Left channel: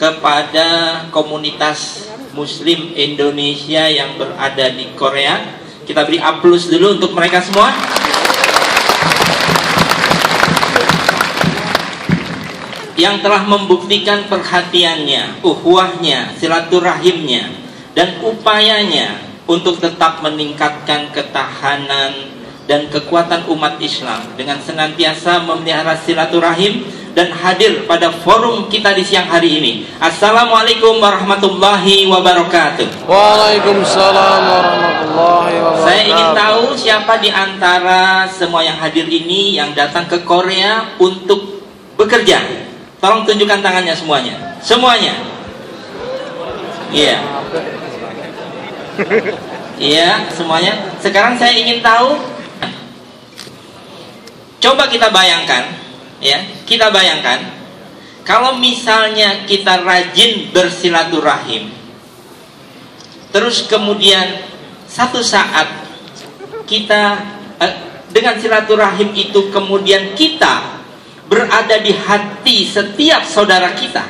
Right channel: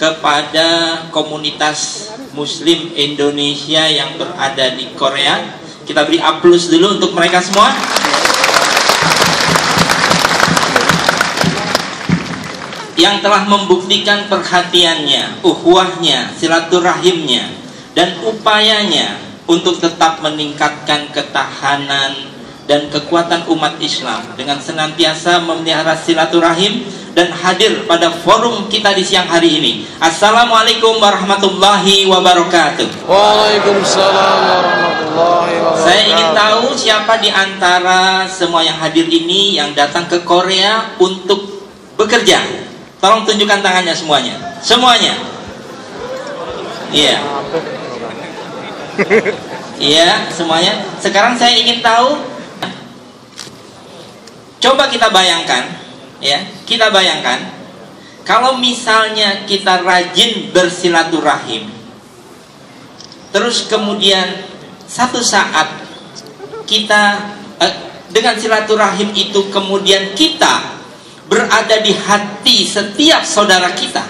kepada komunitas Muslim Indonesia yang berada di Korea. Kita beri aplaus dulu untuk mereka semua. Yang telah membuktikan perhatiannya, ukhuwahnya, silaturahimnya, dan upayanya untuk tetap meningkatkan ketahanan dan kekuatan umat Islam dengan senantiasa memelihara silaturahim dan hadir pada forum kita di siang hari ini. Assalamualaikum warahmatullahi wabarakatuh. Waalaikumsalam warahmatullahi wabarakatuh. Saya ingin tahu siapa di antara semua yang hadir ini yang datang ke Korea untuk bekerja. Tolong tunjukkan tangannya semuanya. Semuanya. Iya. Iya, semuanya. Sekarang saya ingin tahu, coba kita bayangkan, ya, kita bayangkan kalau misalnya kita rajin bersilaturahim, terus kemudian satu saat kita dengan silaturahim itu kemudian kita berada di hati setiap saudara kita.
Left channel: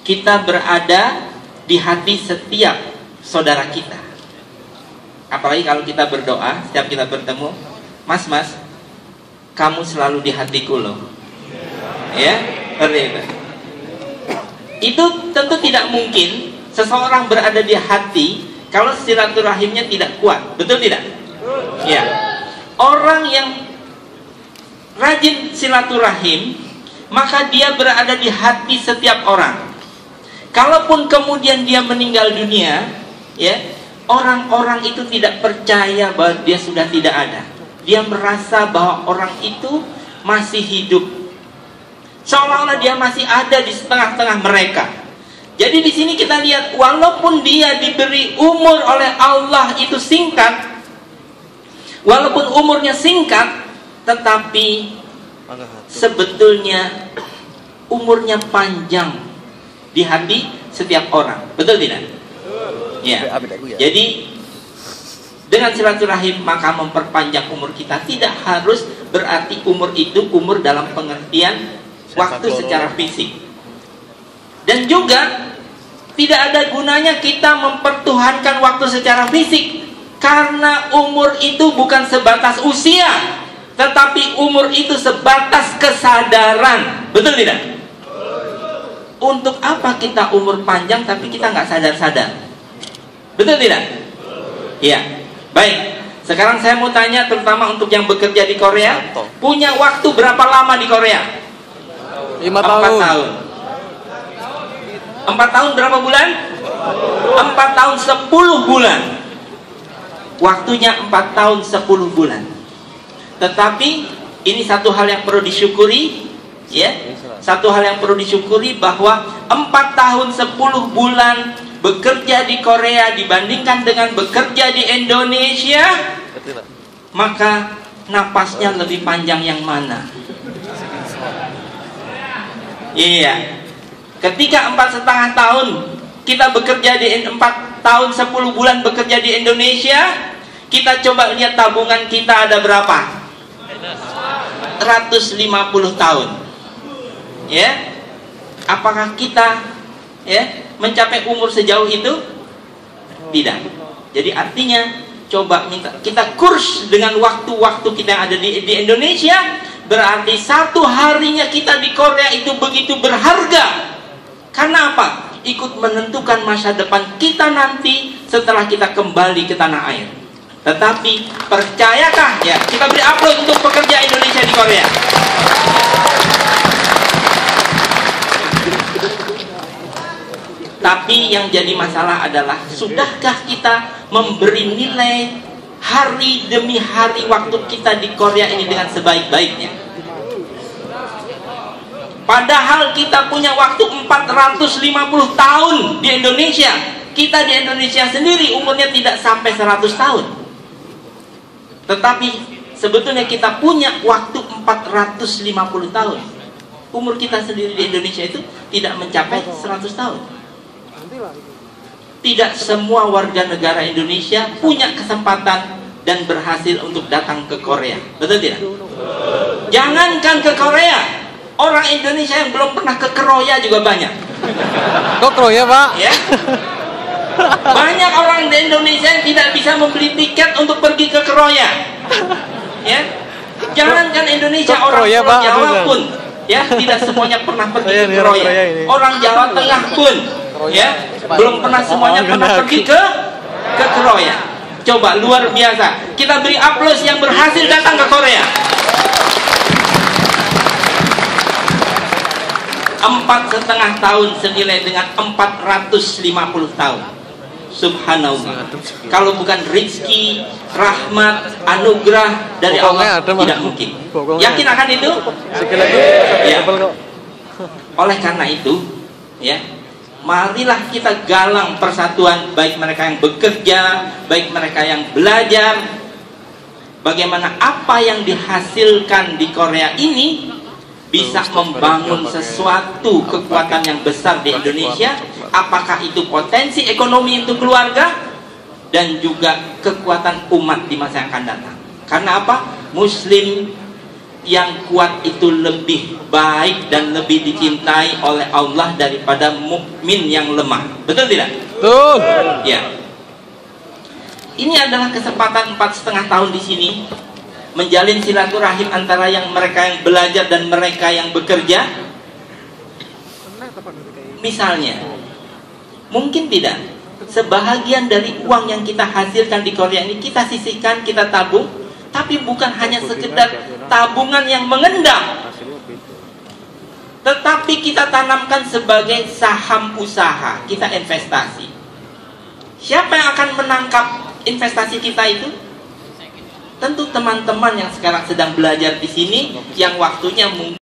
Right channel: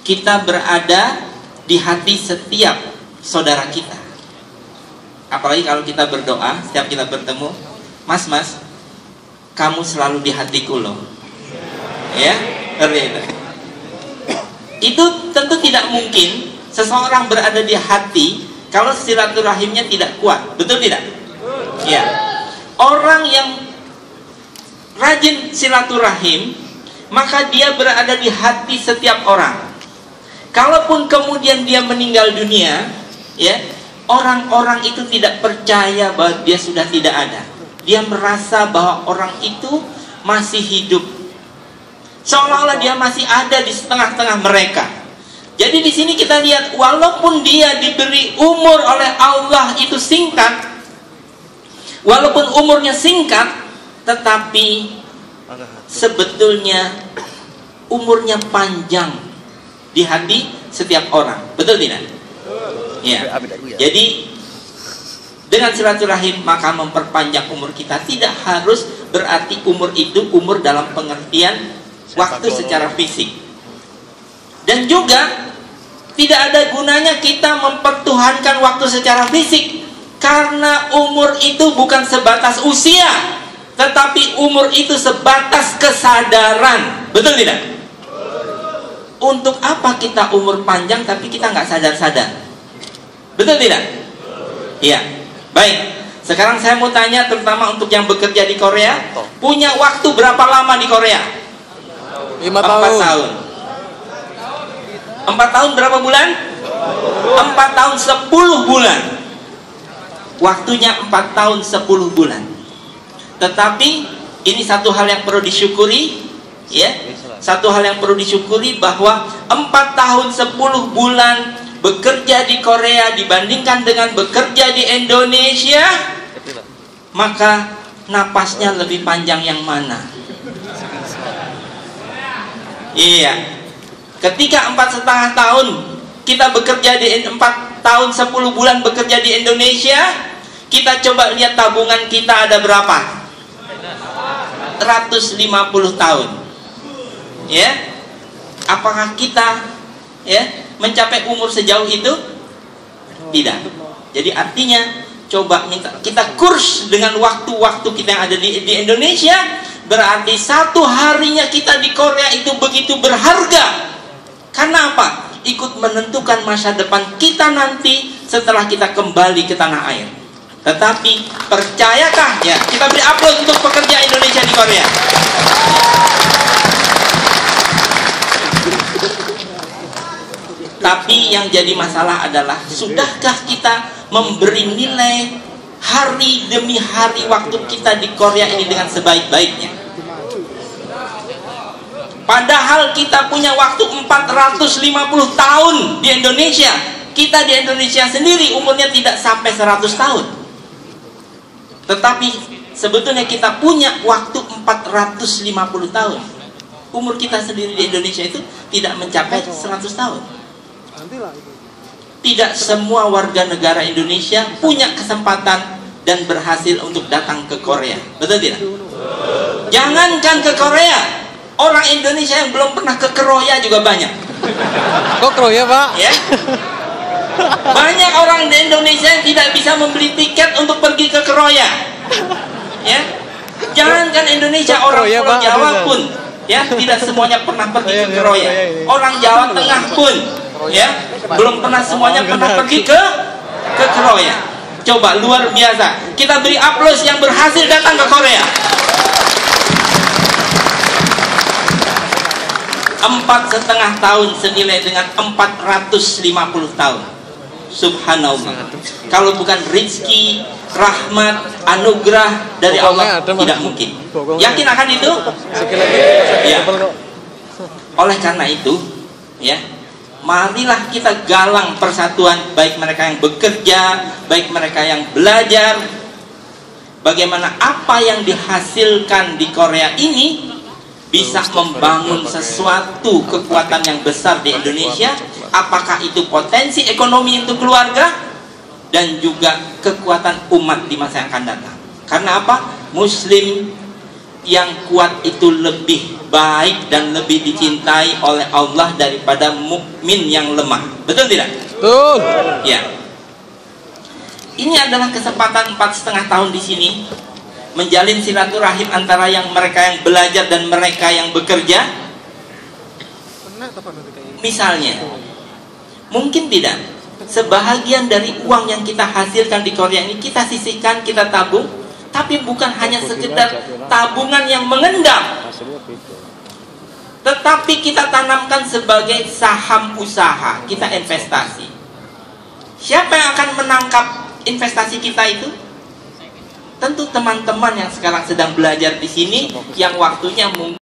Kita berada di hati setiap saudara kita. Apalagi kalau kita berdoa, setiap kita bertemu, Mas, kamu selalu di hatiku loh. Ya, itu tentu tidak mungkin seseorang berada di hati kalau silaturahimnya tidak kuat. Betul tidak? Ya. Orang yang rajin silaturahim, maka dia berada di hati setiap orang. Kalaupun kemudian dia meninggal dunia, ya, orang-orang itu tidak percaya bahwa dia sudah tidak ada. Dia merasa bahwa orang itu masih hidup, seolah-olah dia masih ada di tengah-tengah mereka. Jadi di sini kita lihat, walaupun dia diberi umur oleh Allah itu singkat, walaupun umurnya singkat, tetapi sebetulnya umurnya panjang di hati setiap orang. Betul tidak? Ya. Jadi dengan silaturahim maka memperpanjang umur kita. Tidak harus berarti umur itu umur dalam pengertian waktu secara fisik. Dan juga tidak ada gunanya kita mempertuhankan waktu secara fisik, karena umur itu bukan sebatas usia, tetapi umur itu sebatas kesadaran. Betul tidak? Untuk apa kita umur panjang tapi kita nggak sadar-sadar? Betul tidak? Iya. Baik. Sekarang saya mau tanya, terutama untuk yang bekerja di Korea, punya waktu berapa lama di Korea? 5 tahun. 4 tahun berapa bulan? 4 tahun 10 bulan. Waktunya 4 tahun 10 bulan. Tetapi ini satu hal yang perlu disyukuri, ya. Satu hal yang perlu disyukuri bahwa 4 tahun 10 bulan bekerja di Korea dibandingkan dengan bekerja di Indonesia, maka napasnya lebih panjang yang mana? Iya. Ketika 4,5 tahun kita bekerja di 4 tahun 10 bulan bekerja di Indonesia, kita coba lihat tabungan kita ada berapa? 150 tahun. Ya, apakah kita, ya, mencapai umur sejauh itu? Tidak. Jadi artinya coba kita kurs dengan waktu-waktu kita yang ada di Indonesia, berarti satu harinya kita di Korea itu begitu berharga. Karena apa? Ikut menentukan masa depan kita nanti setelah kita kembali ke tanah air. Tetapi percayakah, ya, kita beri aplaus untuk pekerja Indonesia di Korea. Tapi yang jadi masalah adalah, sudahkah kita memberi nilai hari demi hari waktu kita di Korea ini dengan sebaik-baiknya? Padahal kita punya waktu 450 tahun di Indonesia. Kita di Indonesia sendiri umurnya tidak sampai 100 tahun. Tetapi sebetulnya kita punya waktu 450 tahun. Umur kita sendiri di Indonesia itu tidak mencapai 100 tahun. Tidak semua warga negara Indonesia punya kesempatan dan berhasil untuk datang ke Korea. Betul tidak? Jangankan ke Korea, orang Indonesia yang belum pernah ke Kroya juga banyak. Kok Kroya, Pak? Ya. Banyak orang di Indonesia yang tidak bisa membeli tiket untuk pergi ke Kroya. Ya. Jangankan Indonesia, orang Pulau Jawa pun ya tidak semuanya pernah pergi ke Kroya. Orang Jawa Tengah pun ya belum pernah semuanya pernah pergi ke Kroya. Coba, luar biasa. Kita beri aplaus yang berhasil datang ke Korea. 4,5 tahun senilai dengan 450 tahun. Subhanallah. Kalau bukan rezeki, rahmat, anugerah dari Allah, tidak mungkin. Yakin akan itu? Ya. Oleh karena itu, ya, marilah kita galang persatuan, baik mereka yang bekerja, baik mereka yang belajar. Bagaimana apa yang dihasilkan di Korea ini bisa membangun sesuatu kekuatan yang besar di Indonesia, apakah itu potensi ekonomi untuk keluarga dan juga kekuatan umat di masa yang akan datang. Karena apa? Muslim yang kuat itu lebih baik dan lebih dicintai oleh Allah daripada mukmin yang lemah. Betul tidak? Betul. Ya. Ini adalah kesempatan 4,5 tahun di sini menjalin silaturahim antara yang mereka yang belajar dan mereka yang bekerja. Misalnya, mungkin tidak sebahagian dari uang yang kita hasilkan di Korea ini kita sisihkan, kita tabung, tapi bukan hanya sekedar tabungan yang mengendap, tetapi kita tanamkan sebagai saham usaha, kita investasi. Siapa yang akan menangkap investasi kita itu? Tentu teman-teman yang sekarang sedang belajar di sini, yang waktunya mungkin